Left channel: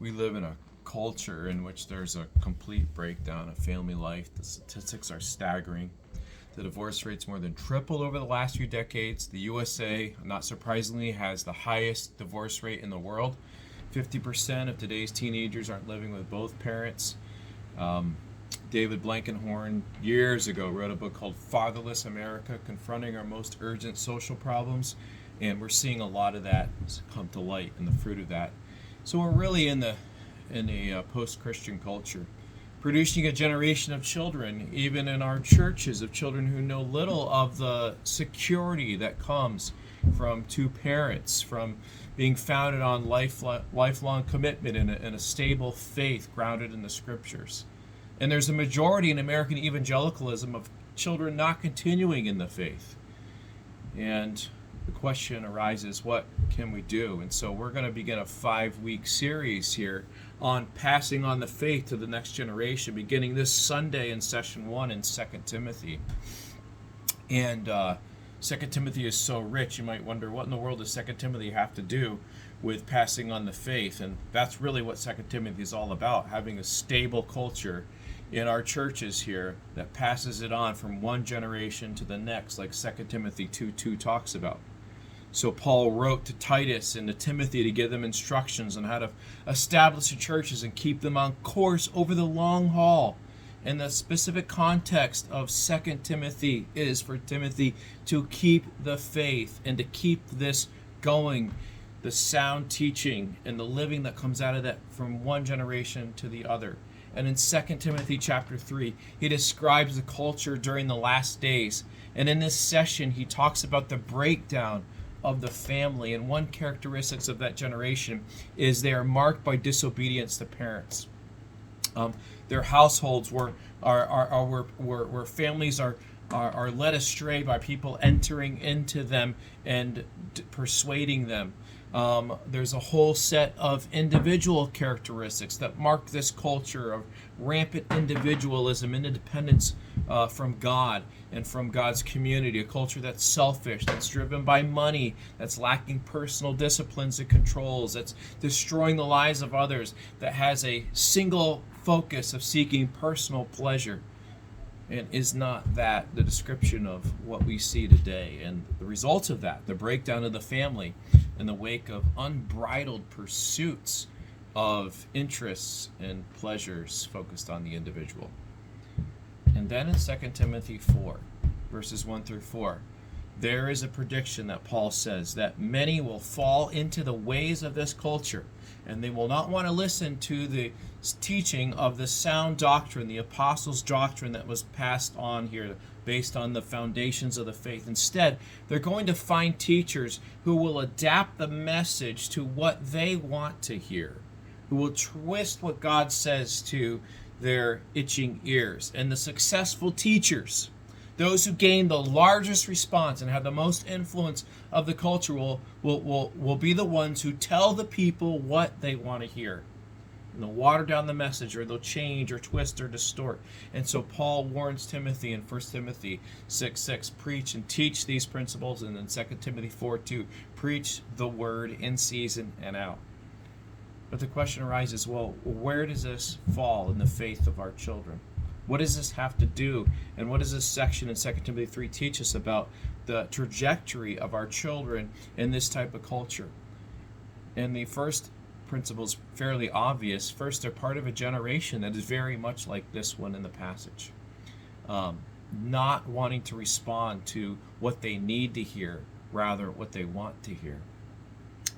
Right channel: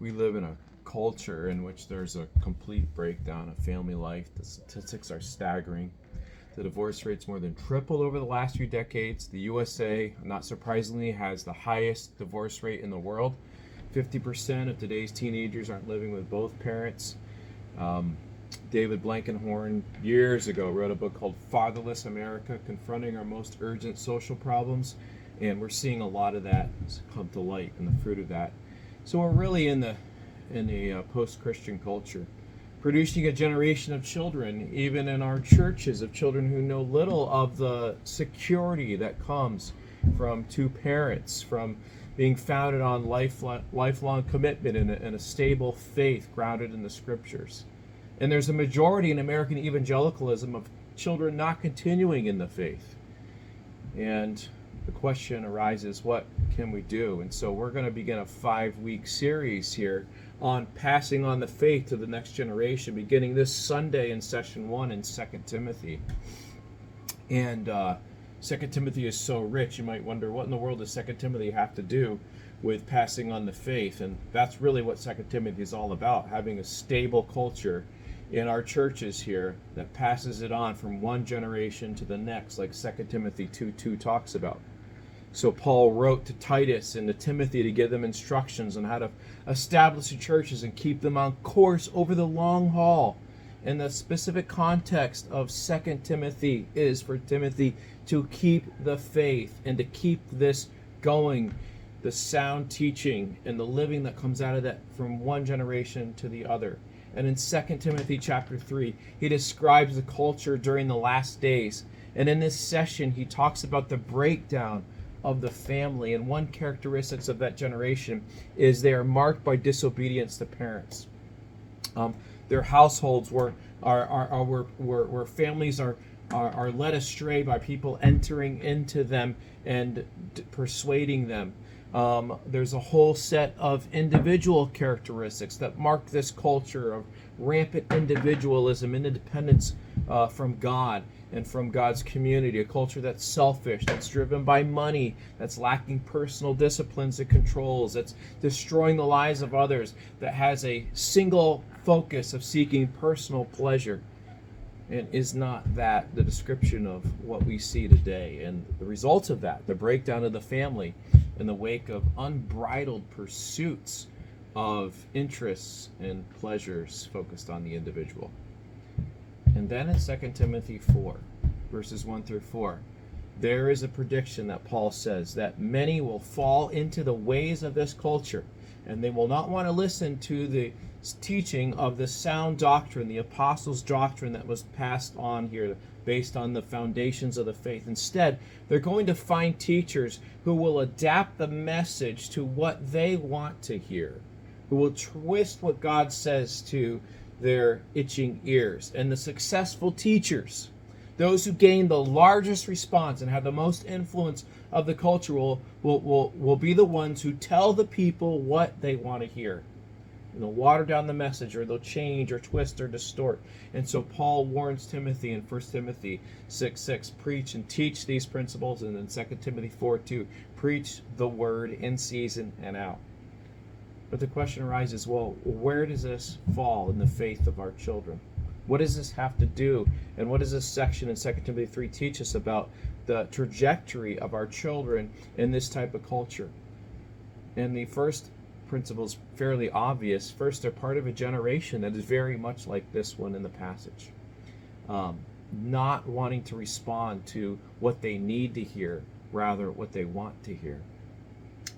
We live in a culture in which there's a complete breakdown of family life. The statistics are staggering. The divorce rate's more than tripled over the last few decades. The USA, not surprisingly, has the highest divorce rate in the world. 50% of today's teenagers aren't living with both parents. David Blankenhorn, years ago, wrote a book called Fatherless America, Confronting Our Most Urgent Social Problems. And we're seeing a lot of that come to light and the fruit of that. So we're really in a post-Christian culture, producing a generation of children, even in our churches, of children who know little of the security that comes from two parents, from being founded on lifelong commitment and a stable faith grounded in the scriptures. And there's a majority in American evangelicalism of children not continuing in the faith. And the question arises, what can we do? And so we're going to begin a 5-week series here on passing on the faith to the next generation, beginning this Sunday in session 1 in 2 Timothy. And 2 Timothy is so rich, you might wonder, what in the world does 2 Timothy have to do with passing on the faith? And that's really what 2 Timothy is all about, having a stable culture in our churches here that passes it on from one generation to the next, like 2 Timothy 2:2 talks about. So Paul wrote to Titus and to Timothy to give them instructions on how to establish the churches and keep them on course over the long haul. And the specific context of 2 Timothy is for Timothy to keep the faith and to keep this going, the sound teaching and the living that comes out of that from one generation to the other. And in 2 Timothy chapter 3, he describes the culture during the last days. And in this session, he talks about the breakdown of the family. And one characteristic of that generation is they are marked by disobedience to parents. Their households where families are led astray by people entering into them and persuading them. There's a whole set of individual characteristics that mark this culture of rampant individualism, independence from God and from God's community, a culture that's selfish, that's driven by money, that's lacking personal disciplines and controls, that's destroying the lives of others, that has a single focus of seeking personal pleasure. And is not that the description of what we see today? And the results of that, the breakdown of the family in the wake of unbridled pursuits of interests and pleasures focused on the individual. And then in 2 Timothy 4, verses 1 through 4, there is a prediction that Paul says that many will fall into the ways of this culture, and they will not want to listen to the teaching of the sound doctrine, the apostles' doctrine that was passed on here based on the foundations of the faith. Instead, they're going to find teachers who will adapt the message to what they want to hear, who will twist what God says to their itching ears. And the successful teachers, those who gain the largest response and have the most influence of the culture, will be the ones who tell the people what they want to hear. And they'll water down the message, or they'll change or twist or distort. And so Paul warns Timothy in 1 Timothy 6:6, preach and teach these principles. And in 2 Timothy 4:2, preach the word in season and out. But the question arises, well, where does this fall in the faith of our children? What does this have to do? And what does this section in 2 Timothy 3 teach us about the trajectory of our children in this type of culture? And the first principle is fairly obvious. First, they're part of a generation that is very much like this one in the passage. Not wanting to respond to what they need to hear, rather what they want to hear.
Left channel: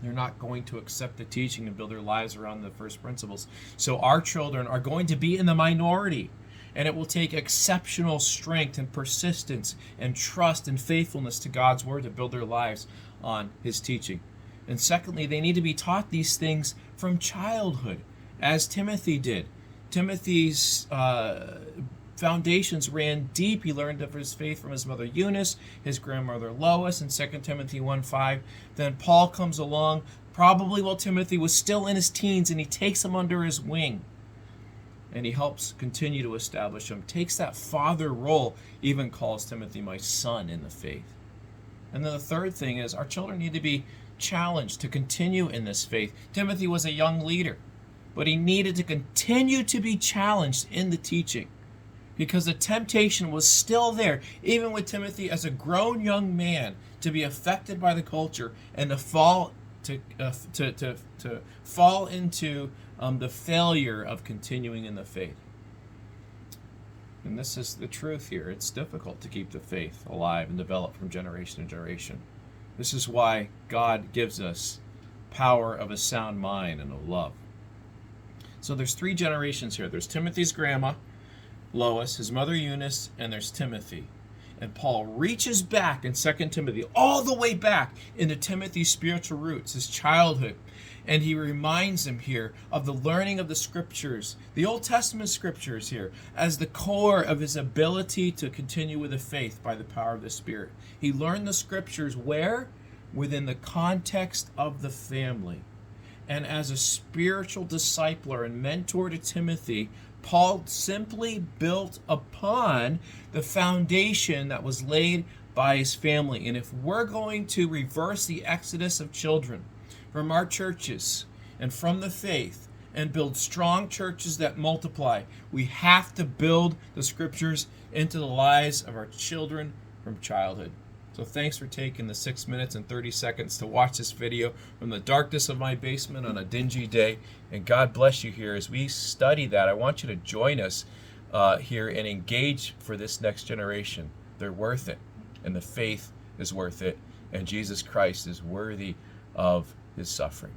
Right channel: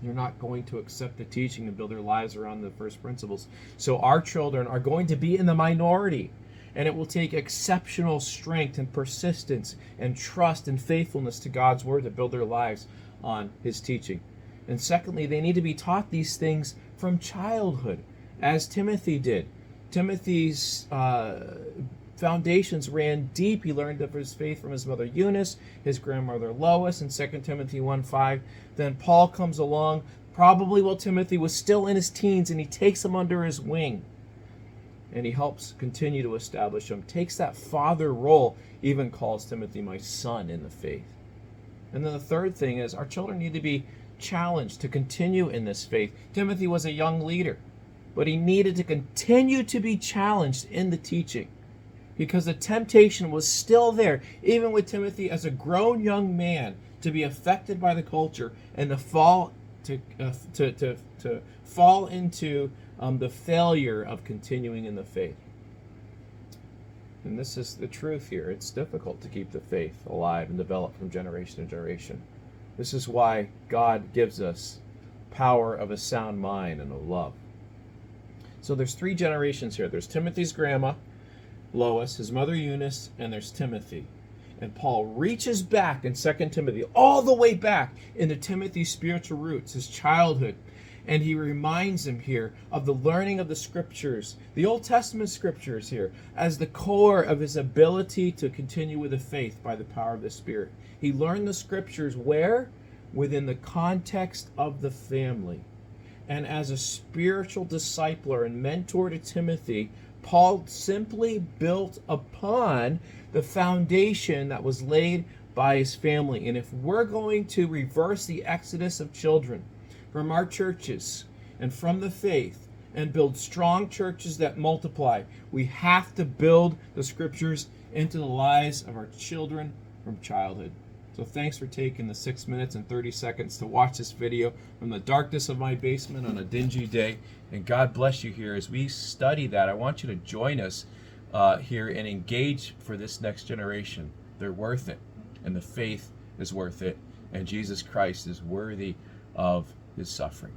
They're not going to accept the teaching and build their lives around the first principles. So our children are going to be in the minority. And it will take exceptional strength and persistence and trust and faithfulness to God's word to build their lives on his teaching. And secondly, they need to be taught these things from childhood, as Timothy did. Timothy's foundations ran deep. He learned of his faith from his mother Eunice, his grandmother Lois, in 2 Timothy 1:5. Then Paul comes along, probably while Timothy was still in his teens, and he takes him under his wing. And he helps continue to establish him, takes that father role, even calls Timothy my son in the faith. And then the third thing is our children need to be challenged to continue in this faith. Timothy was a young leader. but he needed to continue to be challenged in the teaching, because the temptation was still there, even with Timothy as a grown young man, to be affected by the culture and to fall into the failure of continuing in the faith. And this is the truth here. It's difficult to keep the faith alive and develop from generation to generation. This is why God gives us power of a sound mind and of love. So there's 3 generations here. There's Timothy's grandma, Lois, his mother Eunice, and there's Timothy. And Paul reaches back in 2 Timothy, all the way back into Timothy's spiritual roots, his childhood. And he reminds him here of the learning of the scriptures, the Old Testament scriptures here, as the core of his ability to continue with the faith by the power of the Spirit. He learned the scriptures where? Within the context of the family. And as a spiritual discipler and mentor to Timothy, Paul simply built upon the foundation that was laid by his family. And if we're going to reverse the exodus of children from our churches and from the faith and build strong churches that multiply, we have to build the scriptures into the lives of our children from childhood. So thanks for taking the 6 minutes and 30 seconds to watch this video from the darkness of my basement on a dingy day. And God bless you here as we study that. I want you to join us here and engage for this next generation. They're worth it, and the faith is worth it, and Jesus Christ is worthy of his suffering.